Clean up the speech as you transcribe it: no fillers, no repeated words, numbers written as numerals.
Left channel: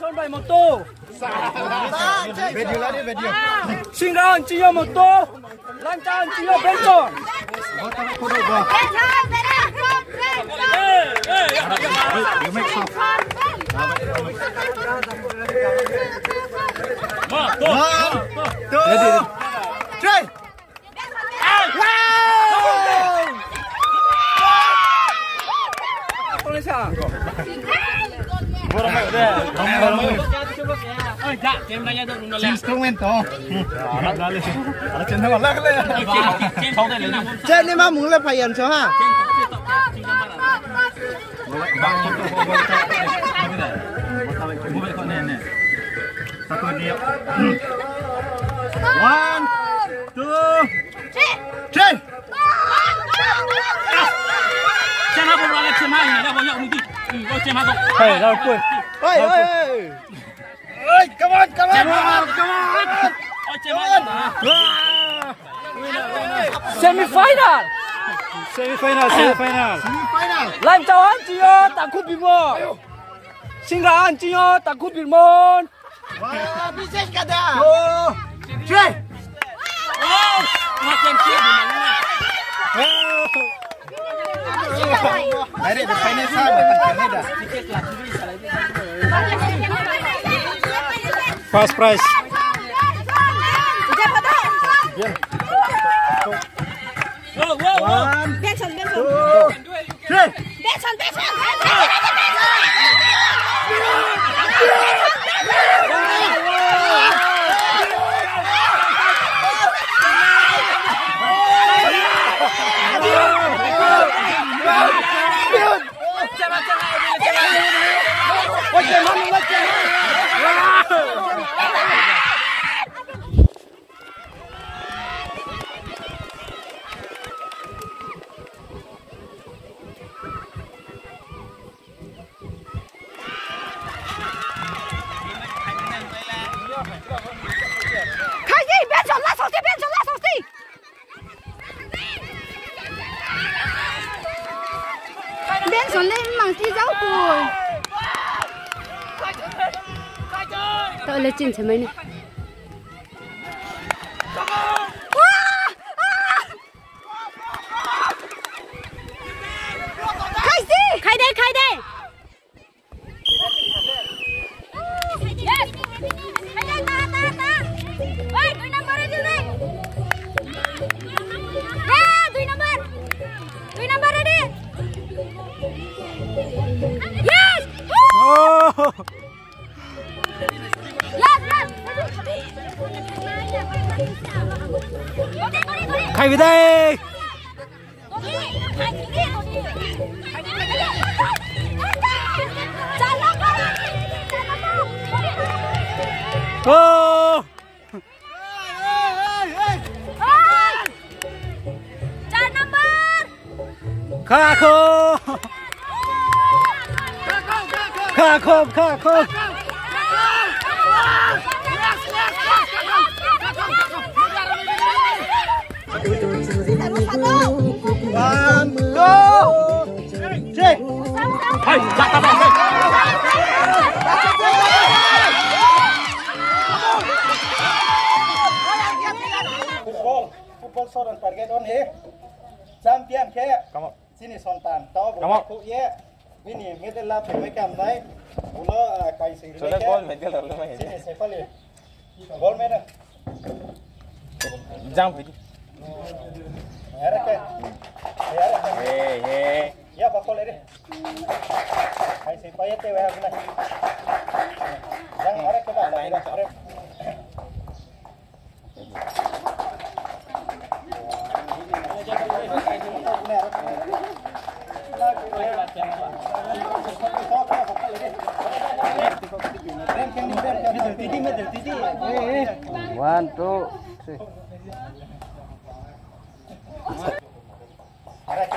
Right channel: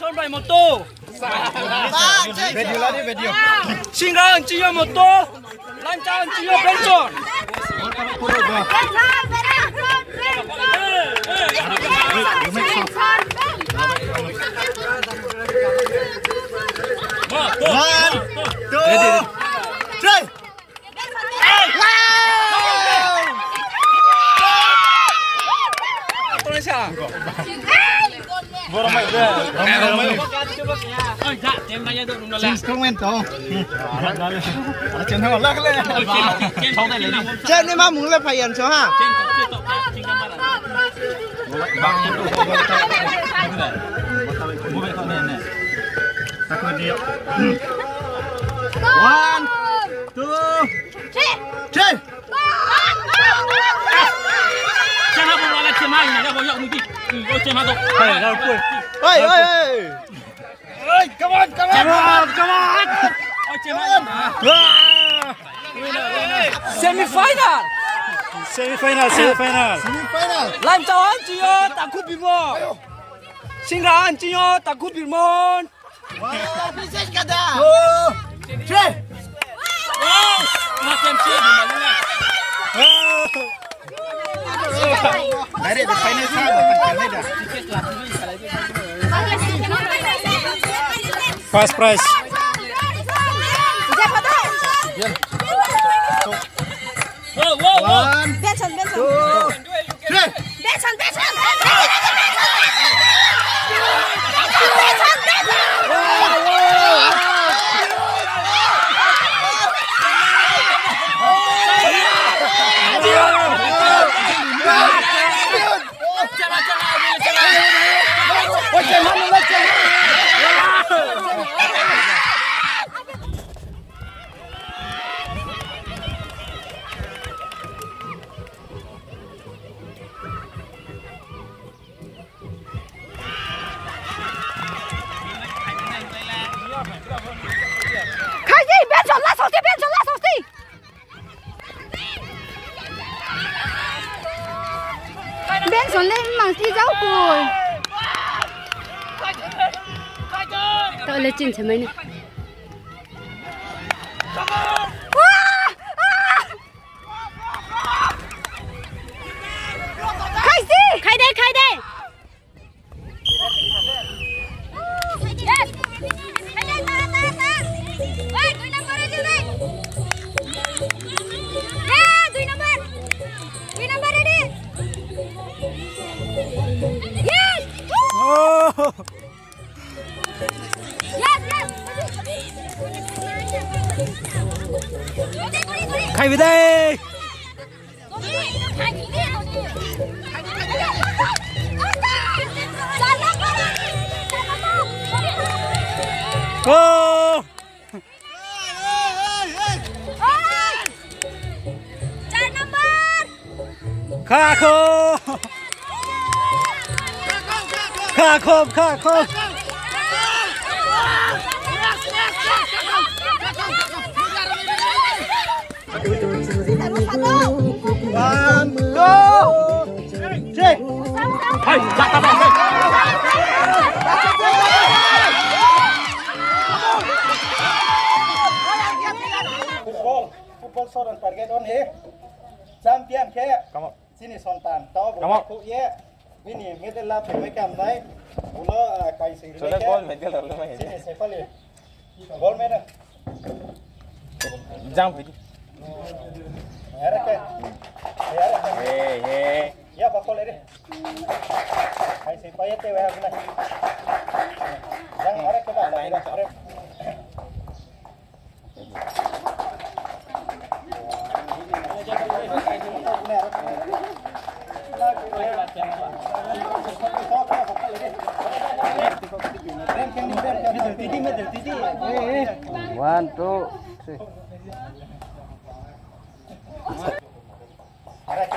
Son bài một tô. Video lagi video. Singa Cio một tô. Lancar Cio Benson. You make soft. One, two, three. Instrumento. Trên đây mà muốn là phải nhận cho ha. One, two, three. Xem hai bóng lại xem hai nhá, vào nhậu một tí. Ôi xem hai rồi. Ơi. Ơi, come on. Ôi xem hai. Semifinal. Semifinal. Lan Châu Cio tặng cúp biệt môn. Singa Cio tặng cúp biệt môn. One, two, three. Makan kia di mana? Ada di Chinese side, ada. First prize. One, two, three. Bên xuống lên mà thi dấu rồi. Tôi lấy chỉnh cho mấy này. Khai đây. Khai về đây. Cô. Kha khô. One, two, three. Hai, Football seorang target on he. Champion ke. Sini sontan. Tahu bukan ye. Ini medal lah pemain mai. Ulo kai sing. Sudah gol medal lalu main. Sini siapa le? Gol mana? Jump lagi. Ada ke? Ada ke? Hey. Ya apa kol ini? Kai sing payah te wah guna. Yang ada ke bawah. One, two, three. Ada ke?